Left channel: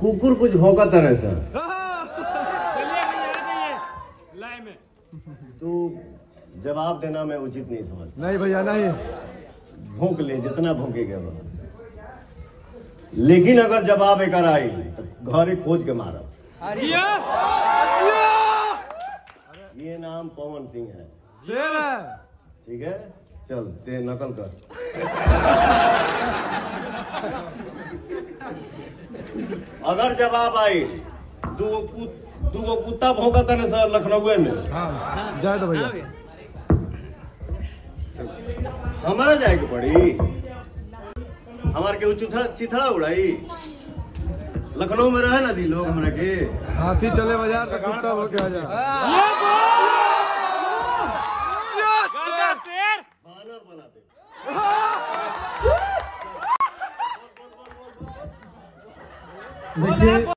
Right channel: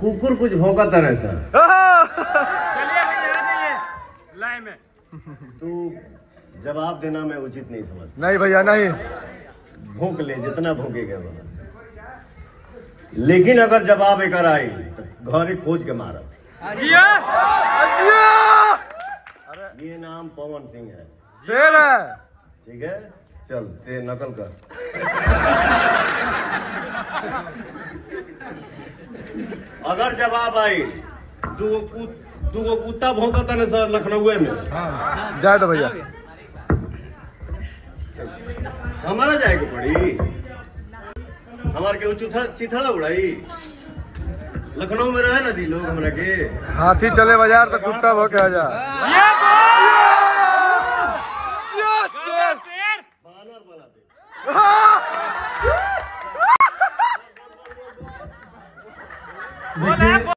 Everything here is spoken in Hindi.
कुकुर कुछ भौंका तरह सर। चलिए लाइन में तू जवाब देना मैं उचित नहीं समझता। नहीं भैया नहीं, भौंक ले जितना भौंकेगा वो, लेकिन अगर जवाब एक आई तो घरे खोज के मारा। ये नाम पवन सिंह है। शेर है। ठीक है, चल ते नकल कर। अगर जवाब आई दूगो कुत्ता भौंकता न सर लखनऊ में। हाँ जाए तो भैया हमारा जाएगी पड़ी, हमारे के चिथड़ा उड़ाई। लखनऊ में रहे ना जी लोग हमरा के। हाथी चले बाजार तो कुत्ता भौंके आ जा। बानर बनाते। बोला